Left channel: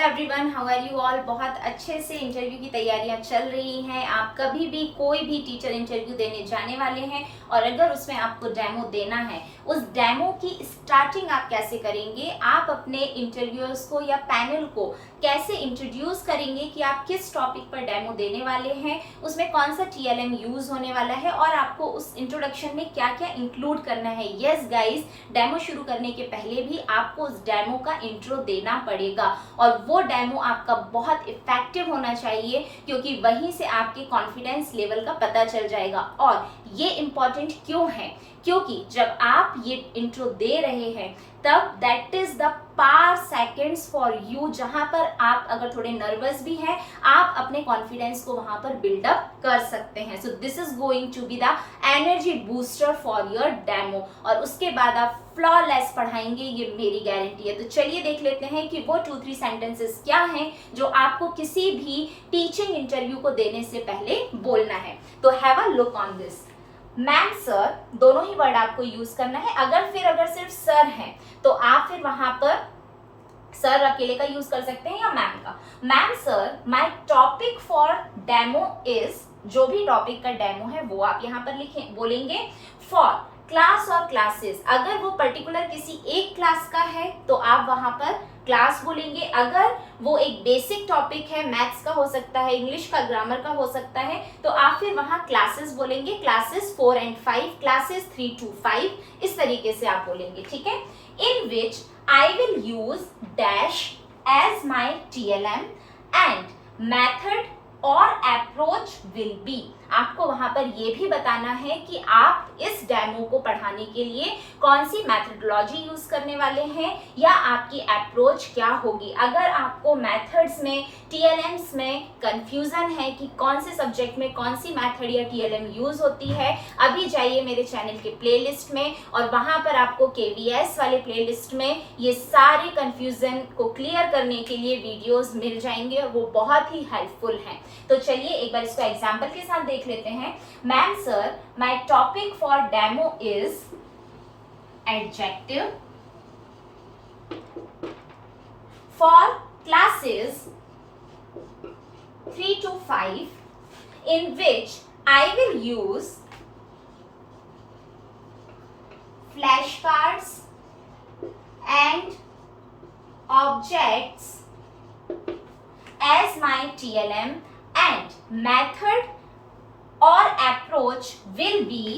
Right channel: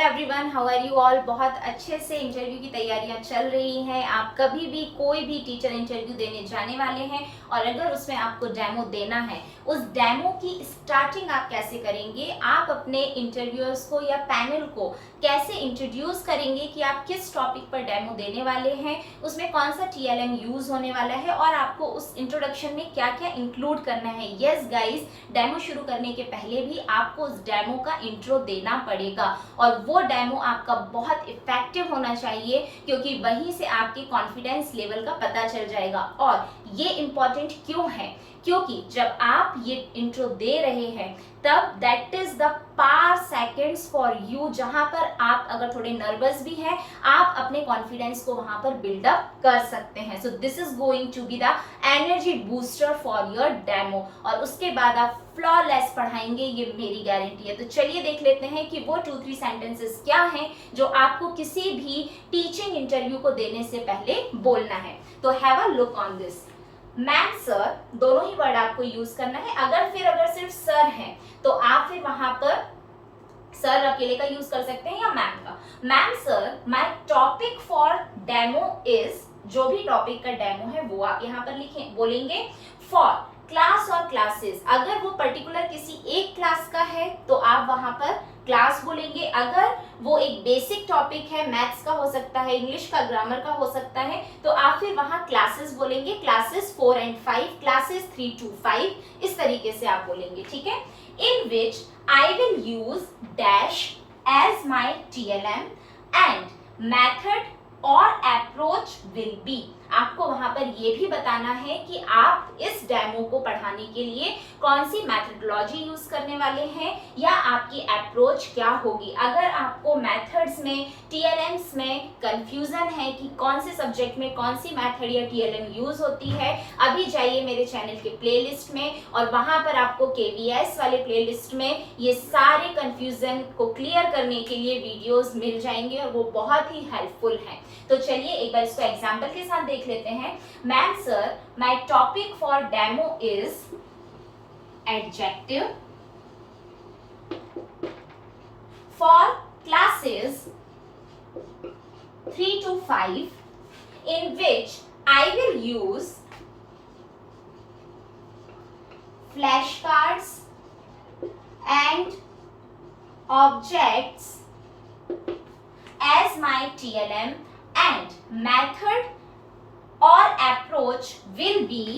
Everyone, how are you all. बहुत अच्छे से इंटरव्यू की तैयारियां चल रही हैं। आप कभी भी कोई भी टीचर इंटरव्यू देने जाने वाले हैं और अगर उसमें आपको डेमो देना है, उस डेमो की स्टार्टिंग आप कैसे करेंगे, आप अपने इंटरव्यूअर्स को या पैनल को कैसे इंट्रोड्यूस करेंगे कि आप किस टॉपिक पर डेमो देने वाले हैं, उसमें कौन सा TLM यूज होने वाला है और आपको उस इंट्रोडक्शन में क्या क्या इंक्लूड करना है। यस गाइस, डेमो शुरू करने के पहले भी आपको उस डेमो का इंट्रो देना पड़ेगा और वो डेमो आपका बहुत इफेक्टिव होना चाहिए, क्योंकि वहीं से आपके कॉन्फिडेंस लेवल का पता चल जाएगा। और ये इंपॉर्टेंट क्यों है, क्योंकि जब आप ये इंट्रो दे रहे हैं तब that is the par seconds for you, जहां पर आप अगर थोड़े नर्वस भी हैं, आप अपने कॉन्फिडेंस को वहां पर बिल्डअप कर सकते हैं। So this is going to be the energy booster for your demo और उसके बाद आप फ्लॉलेस पढ़ाएंगे, ये मेरी गारंटी है। तो चलिए देख लेते हैं कि वो 2-3 सेंटेंसेस क्या हैं जो आपको किसी भी टीचिंग इंटरव्यू को देने से पहले बोलना है। तो have a look on this. Ma'am, sir, दोनों ही वर्ड आपको यूज करना है। अगर सिर्फ सर है तो आप फिर वहां पर सर अकेले का यूज कर सकते हैं या मैम का। Ma'am sir, my topic for demo is, जो भी टॉपिक का डेमो है वो आप यहाँ पर लिखें, बोलेंगे फॉर क्लास और क्लासेस। अगर वो पर्टिकुलर किसी एक क्लास का है तो आप वहां पर क्लास बोलेंगे। अगर वो एक बेसिक टॉपिक है, मैथ्स का हो सकता है, इंग्लिश का, ग्रामर का हो सकता है, तो आप फिर वहां क्लासेस बोलेंगे। क्लासेस 4 and 5, क्लासेस 3 to 5, इस तरीके से आप बोलेंगे, ठीक है। In which I will use dash as my TLM and method और अप्रोच विल बी। आपको वहां पर ये भी बताना है कि आप इस डेमो को पढ़ाने के लिए कौन सी मेथडोलॉजी यूज करने वाले हैं या आपकी अप्रोच क्या होगी। अगर आपको मेथड्स में, TLMs में कंफ्यूजन है कि कौन से सब्जेक्ट में कौन सी मेथड या TLM यूज होती है, अभी जाइए मेरे चैनल के प्लेलिस्ट में और वहां पर आपको KVS वाले प्लेलिस्ट में ये सारे कंफ्यूजन को क्लियर करने के लिए वीडियोस मिल जाएंगे और वो बहुत ही हेल्पफुल हैं। तो चलिए एक बार इसको एग्जाम्पल के साथ देख लेते हैं। Ma'am sir, my topic for demo is adjective for classes 3 to 5 in which I will use flashcards and objects as my TLM and method or approach will be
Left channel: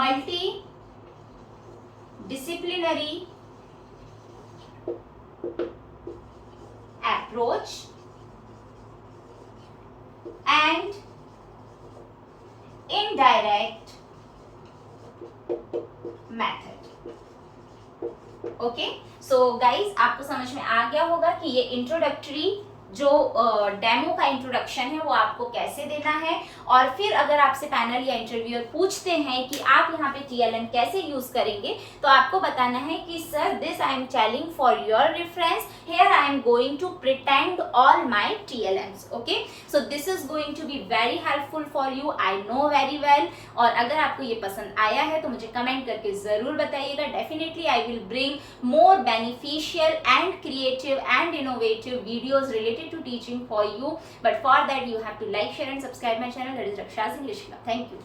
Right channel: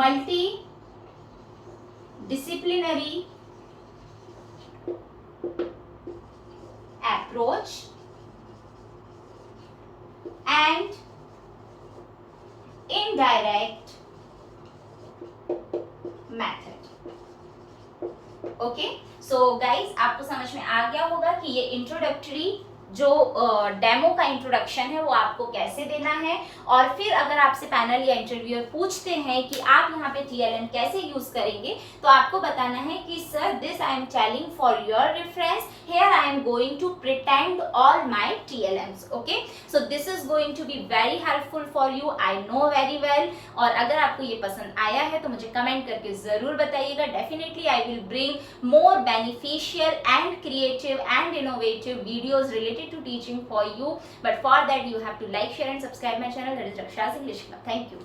multidisciplinary approach and indirect method। Okay, so guys आपको समझ में आ गया होगा कि ये introductory जो demo का introduction है वो आपको कैसे देना है। और फिर अगर आपसे पैनल या इंटरव्यूअर पूछते हैं कि आप यहाँ पे TLM कैसे यूज करेंगे, तो आपको बताना है कि sir, this I am telling for your reference, here I am going to pretend all my TLMs। Okay, so this is going to be very helpful for you, I know very well. और अगर आपको ये पसंद आया है तो मुझे comment करके जरूर बताइएगा। Definitely I will bring more beneficial and creative and innovative videos related to teaching for you, but for that you have to like, share and subscribe my channel, that is Raksha's English Club. Thank you.